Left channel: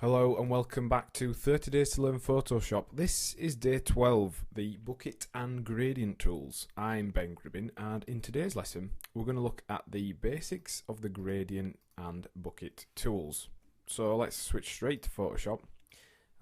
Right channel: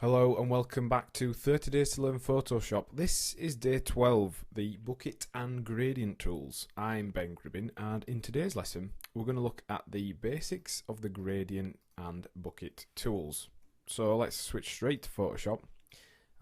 Hello and welcome back to 30 Days to Learn Photoshop. This is day 12, the bucket and gradient tools. I'm Ben Gribbin, and in today's lesson we're going to look at the basics of the gradient and bucket tools. So let's switch straight to Photoshop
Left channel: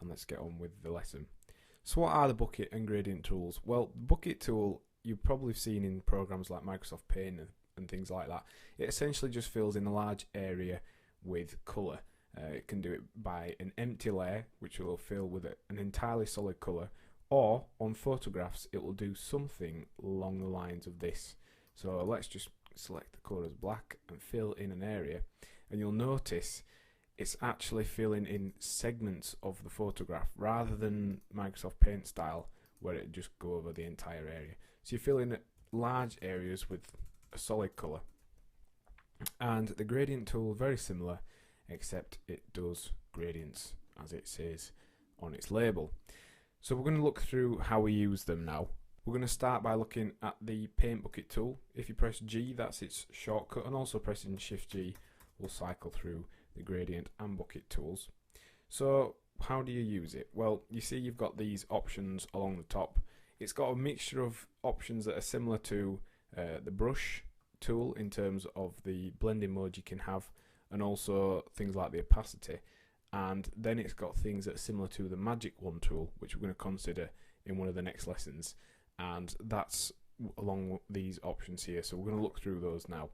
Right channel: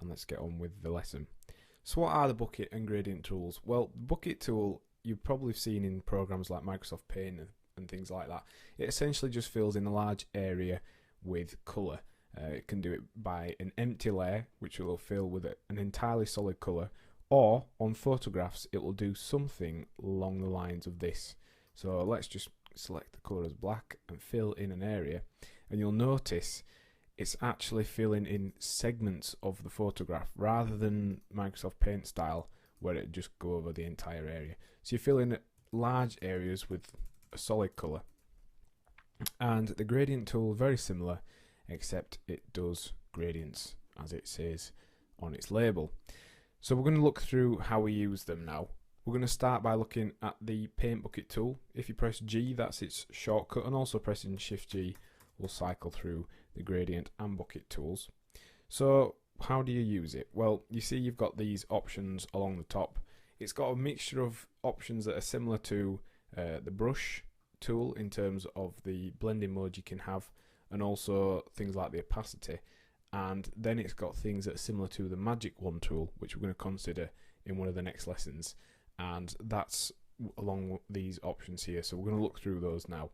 and let's get on with the lesson. So what are the bucket and gradient tools? Well, the bucket tool you've probably seen in programs like Microsoft Paint and things like that. It essentially just fills in a large area with colour. It can do it by an empty layer, which will fill with an entirely solid colour, or on photographs it will do something along the lines of this. So let's just select the colour as black and fill in an area, and you'll notice it's actually filling in segments of the photograph rather than Microsoft Paint style where it just go over the entire area. So you fill in large areas with a solid colour. And the gradient tool, very similar, except it does gradients as it says on its label. So we're going to look through how we use them now. We're going to start by looking at the paint bucket tool. If you press G, that's its shortcut, and also pressing Shift G will cycle through the gradient and bucket tools. So how do you use it? Well, you see you've got these options along the top. It's got a mixture of options that are similar to the brush tool in terms of the blending mode you can have, and also things like the opacity, and then it's got things that are similar to the magic wand tool, which we're going to consider in one of the next lessons, and that's along these options here. So we're going to look through those now.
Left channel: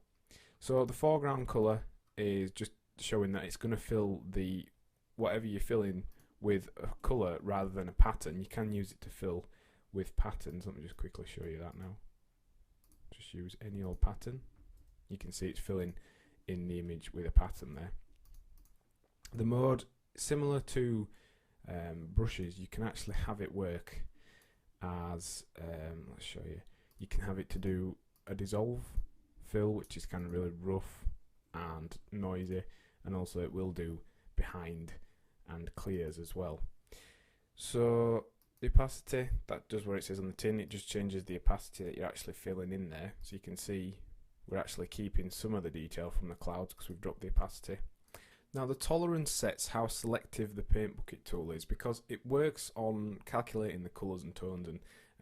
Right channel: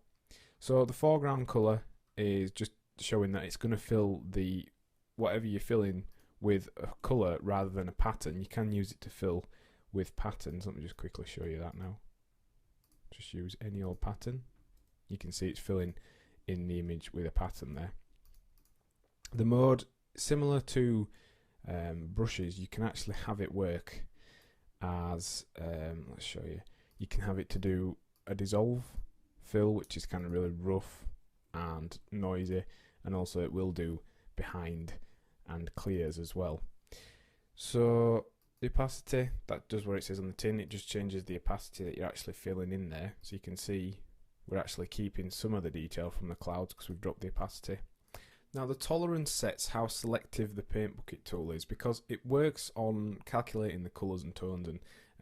So the foreground color is just showing that it's going to fill the whatever you're filling with a color rather than a pattern. You can use it to fill with patterns. Let me just quickly show you that now. Just use any old pattern. You can see it's filling in the image with a pattern there. The mode, similar to brushes, you can actually have it work as, let's show you, you can have it to do a dissolve fill, which is kind of really rough and noisy, and also it will do behind and clears as well. So the opacity, that does what it says on the tin. It just changes the opacity that you're actually filling in there, so you can see we're actually keeping some of the detail from the clouds because we've dropped the opacity. Now the tolerance sets how selective the paint bucket tool is, because it works on calculating the colours and tones and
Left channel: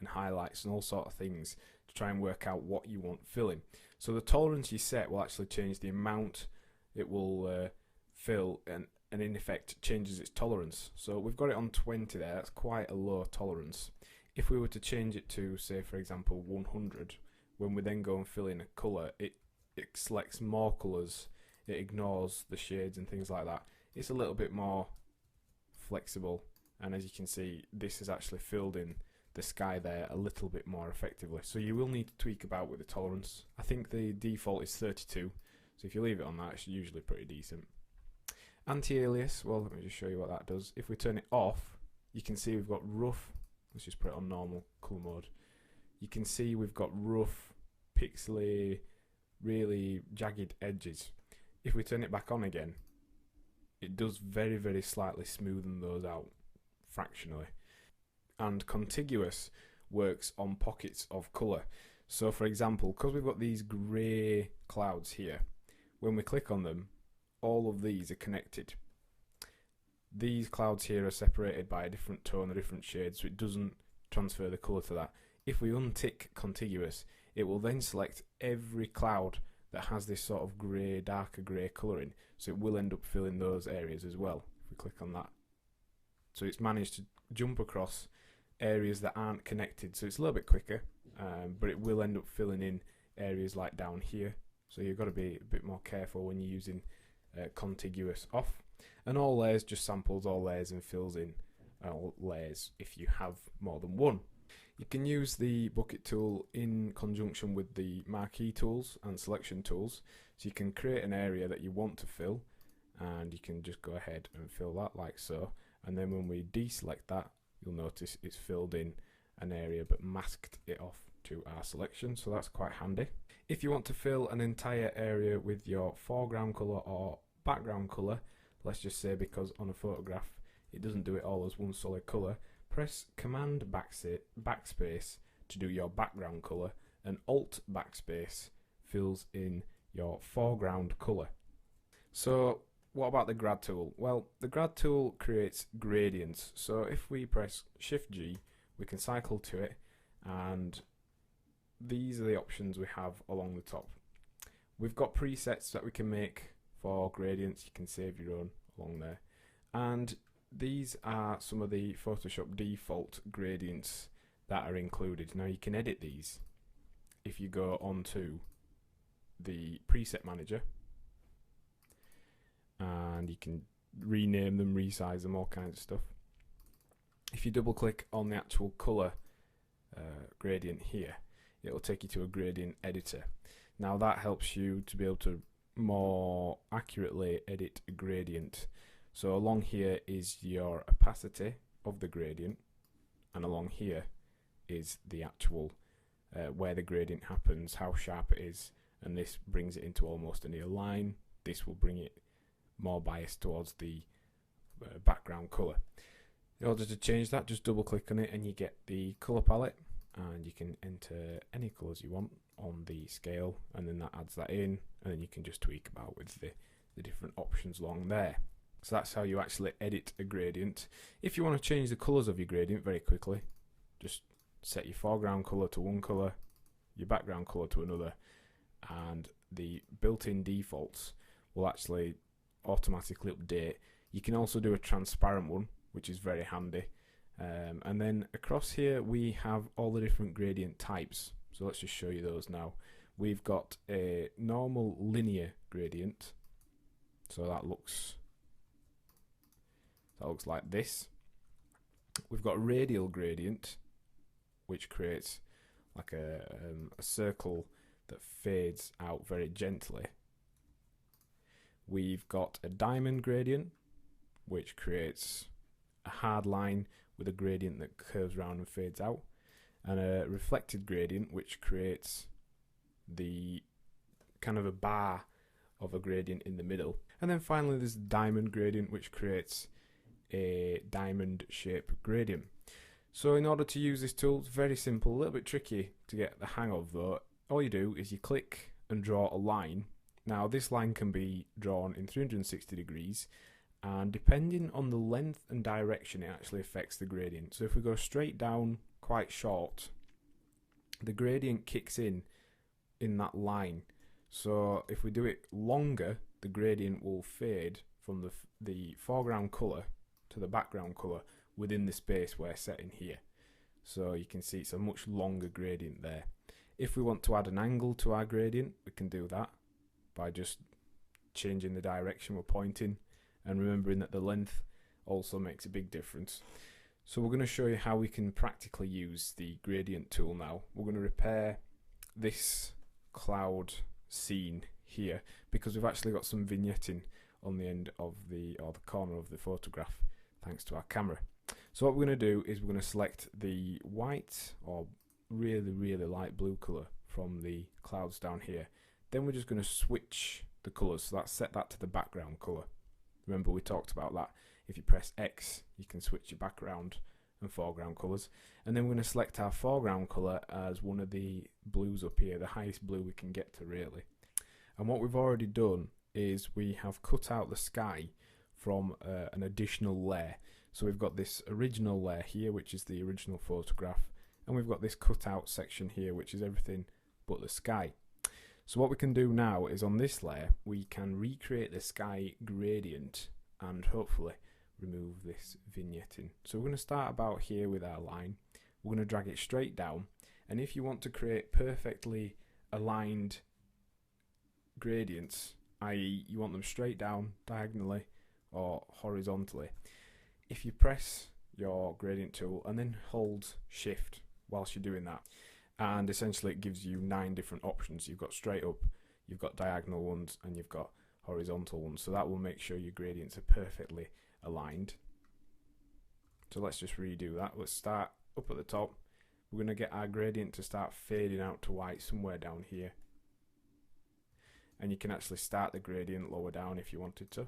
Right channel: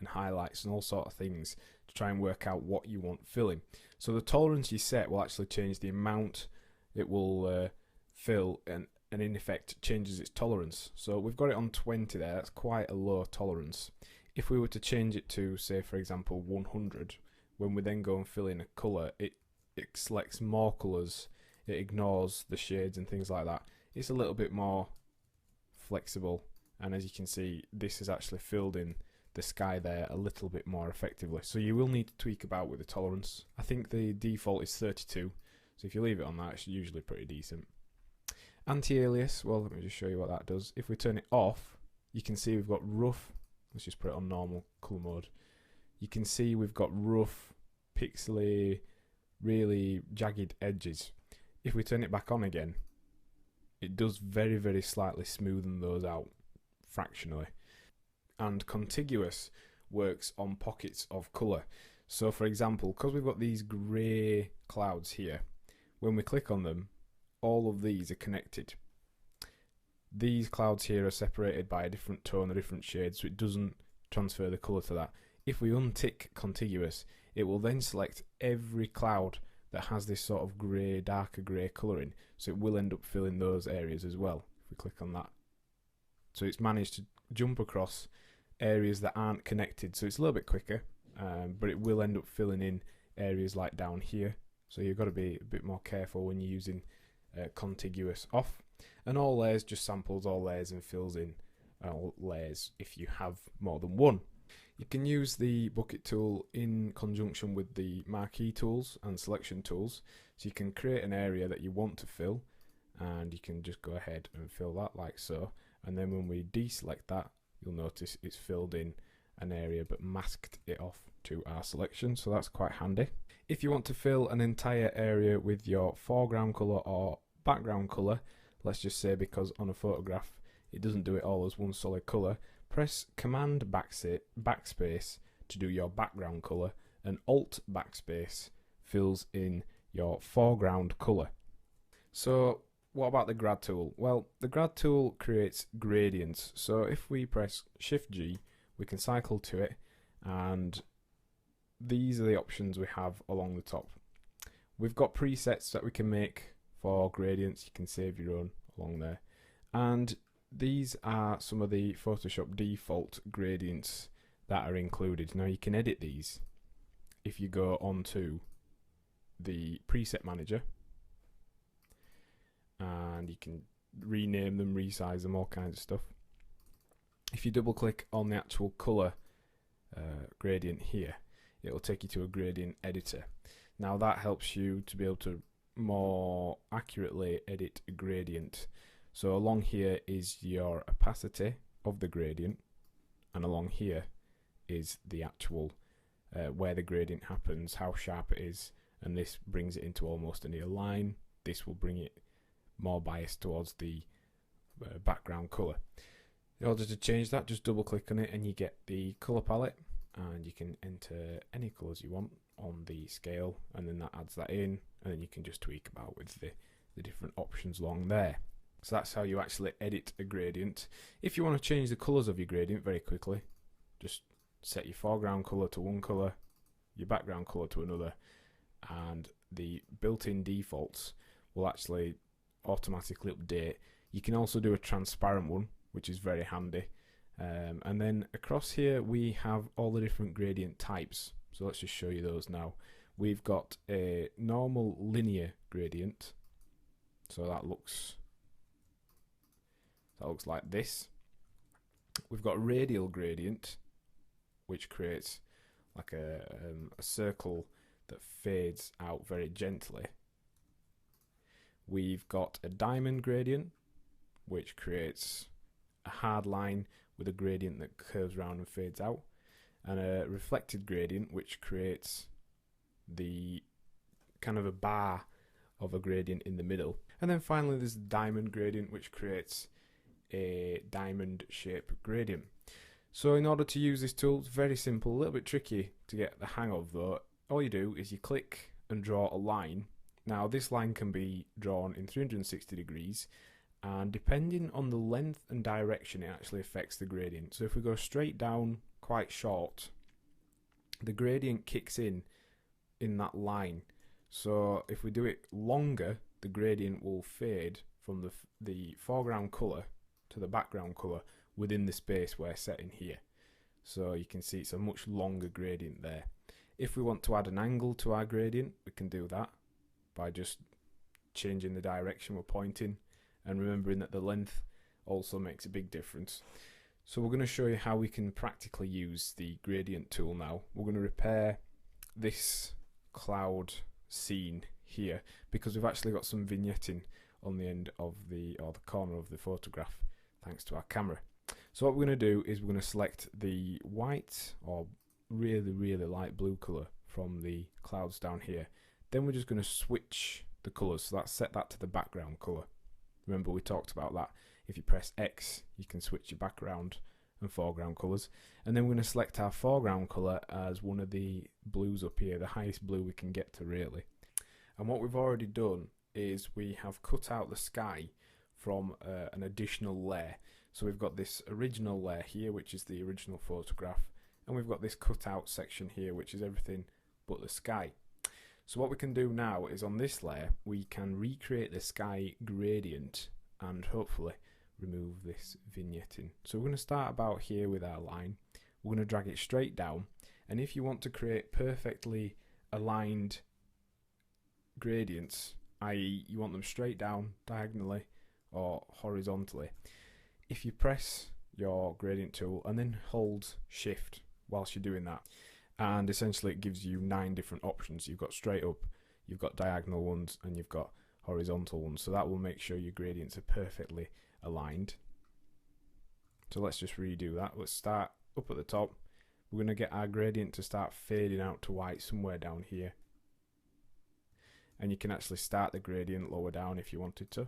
highlights and all sort of things to try and work out what you want filling. So the tolerance you set will actually change the amount it will fill, and in effect changes its tolerance. So we've got it on 20 there, that's quite a low tolerance. If we were to change it to, say for example, 100, when we then go and fill in a colour, it selects more colours, it ignores the shades and things like that. It's a little bit more flexible, and as you can see, this has actually filled in the sky there a little bit more effectively. So you will need to tweak about with the tolerance. I think the default is 32, so if you leave it on that, it's usually pretty decent. Anti-alias, well, let me just show you what that does. If we turn it off, you can see we've got rough. Let's just put it on normal colour mode. You can see we've got rough, pixely, really jagged edges. If we turn it back on again, it does very, very slightly smoothen those out fractionally. And contiguous works on pockets of colour. So for example, because we've got these grey clouds here, when we click on them, all of these are connected. These clouds here are separated by a different tone, a different shade, so it doesn't transfer the colour to that. If we untick contiguous, it will then select every cloud that has this sort of grey, darker grey colouring, so it will end up filling those areas as well if we click on that. So it's managed to jump across areas that aren't connected, so it's a little bit quicker, but it will end up filling in areas like down here, so you've got to be a bit more careful when you're using contiguous off. And all layers just samples all layers and fills in all layers if you have more than one. You can use the bucket tool in conjunction with the marquee tools and selection tools, so you can create an area that you want to fill, and you can just go ahead and fill that like so, and then when we deselect that, you'll notice it's filled in an area but masked it off to our selection, so that's quite handy. If you want to fill an entire area with your foreground colour or background colour, let's just say because on a photograph it doesn't do it all as one solid colour, press Command backspace to do your background colour, and Alt backspace fills in your foreground colour. So what about the grad tool? Well, the grad tool creates gradients. So if we press Shift G, we can cycle to it, and these are the options we have along the top. We've got presets that we can make for gradients. You can save your own along there. And these are some of the Photoshop default gradients that are included. Now you can edit these if you go onto the preset manager, and you can rename them, resize them, all kinds of stuff. If you double click on the actual color gradient here, it will take you to a gradient editor. Now that helps you to be able to more accurately edit a gradient. So along here is your opacity of the gradient, and along here is the actual where the gradient happens, how sharp it is, and this brings it into almost a near line. This will bring it more biased towards the background color. In order to change that, just double click on it and you get the color palette, and you can enter any colors you want on the scale, and then that adds that in, and then you can just tweak about with the different options along there. So that's how you actually edit a gradient. If you want to change the colors of your gradient very quickly, just set your foreground color to one color, your background color to another, and the built-in defaults will actually automatically update. You can also do a transparent one, which is very handy. And then across here we have all the different gradient types. So let's just show you those now. We've got a normal linear gradient, so that looks like this. We've got radial gradient, which creates like a circle that fades out very gently. We've got a diamond gradient, which creates a hard line with a gradient that curves around and fades out, and a reflected gradient, which creates the kind of a bar of a gradient in the middle. And then finally there's diamond gradient, which creates a diamond shape gradient. So in order to use this tool, it's very simple, a little bit tricky to get the hang of though. All you do is you click and draw a line. Now this line can be drawn in 360 degrees, and depending on the length and direction it actually affects the gradient. So if we go straight down quite short, the gradient kicks in that line. So if we do it longer, the gradient will fade from the foreground colour to the background colour within the space we're setting here. So you can see it's a much longer gradient there. If we want to add an angle to our gradient, we can do that by just changing the direction we're pointing, and remembering that the length also makes a big difference. So we're going to show you how we can practically use the gradient tool now. We're going to repair this cloud scene here because we've actually got some vignetting on the end of the corner of the photograph thanks to our camera. So what we're going to do is we're going to select the white or really light blue colour from the clouds down here. Then we're just going to switch the colours, so that's set that to the background colour. Remember we talked about that. If you press X, you can switch your background and foreground colours. And then we're going to select our foreground colour as one of the blues up here, the highest blue we can get to really. And what we've already done is we have cut out the sky from an additional layer. So we've got this original layer here, which is the original photograph, and we've got this cut out section here, which is everything but the sky. So what we can do now is on this layer we can recreate the sky gradient and hopefully remove this vignetting. So we're going to start about here with our line. We're going to drag it straight down, and if you want to create perfectly aligned gradients, i.e. you want them straight down diagonally or horizontally, if you press your gradient tool and then hold shift whilst you're doing that, and essentially it gives you 9 different options. You've got straight up, you've got diagonal ones, and you've got horizontal ones. So that will make sure your gradients are perfectly aligned. So let's just redo that. Let's start up at the top. We're going to get our gradient to start fading out to white somewhere down here. And you can actually start the gradient lower down if you wanted to.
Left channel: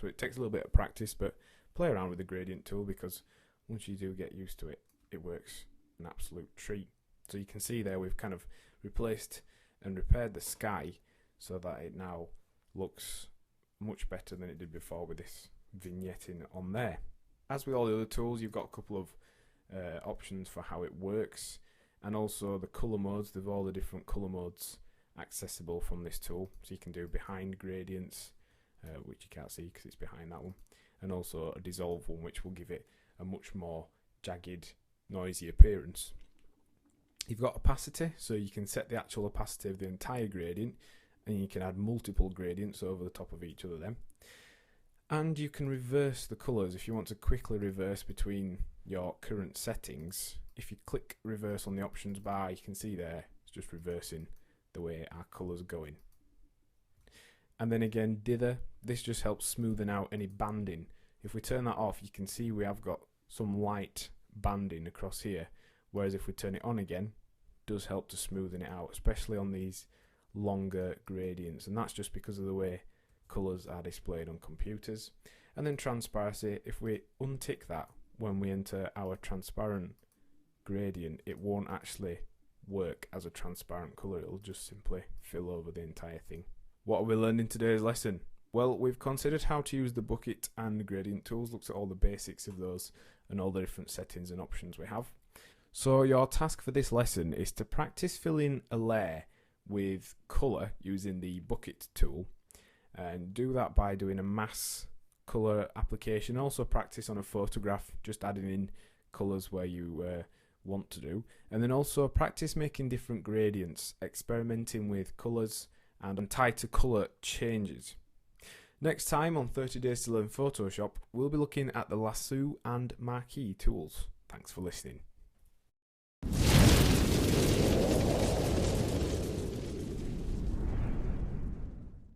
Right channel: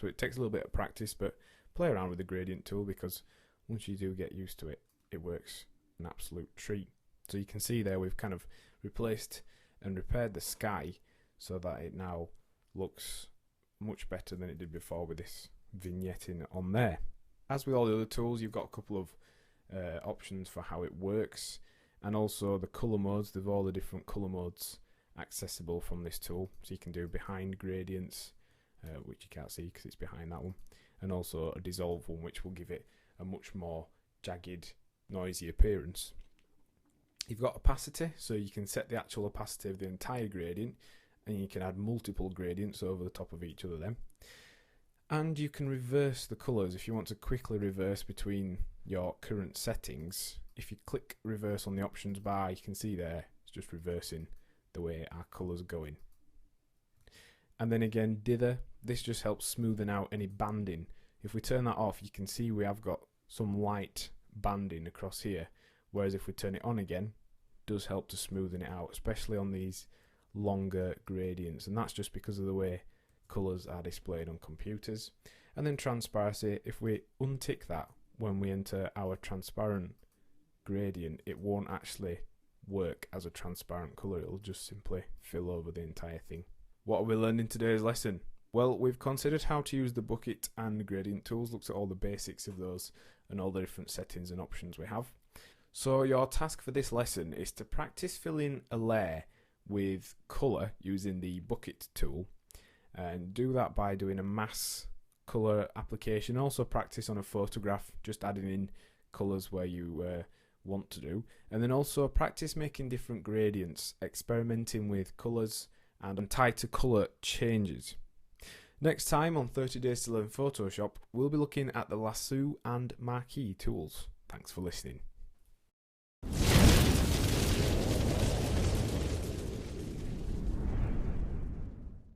So it takes a little bit of practice, but play around with the gradient tool, because once you do get used to it, it works an absolute treat. So you can see there we've kind of replaced and repaired the sky so that it now looks much better than it did before with this vignetting on there. As with all the other tools, you've got a couple of options for how it works, and also the colour modes. They've all the different colour modes accessible from this tool, so you can do behind gradients, which you can't see because it's behind that one, and also a dissolve one, which will give it a much more jagged, noisy appearance. You've got opacity, so you can set the actual opacity of the entire gradient, and you can add multiple gradients over the top of each other then. And you can reverse the colours if you want to quickly reverse between your current settings. If you click reverse on the options bar, you can see there it's just reversing the way our colours are going. And then again, dither, this just helps smoothing out any banding. If we turn that off, you can see we have got some light banding across here, whereas if we turn it on again, it does help to smoothen it out, especially on these longer gradients, and that's just because of the way colours are displayed on computers. And then transparency, if we untick that when we enter our transparent gradient, it won't actually work as a transparent colour, it'll just simply fill over the entire thing. What are we learning in today's lesson? Well, we've considered how to use the bucket and gradient tools, looked at all the basics of those and all the different settings and options we have. So your task for this lesson is to practice filling a layer with colour using the bucket tool, and do that by doing a mass colour application. Also practice on a photograph, just adding in colours where you want to do, and then also practice making different gradients, experimenting with colours and tighter colour changes. Next time on 30 Days to Learn Photoshop, we'll be looking at the lasso and marquee tools. Thanks for listening.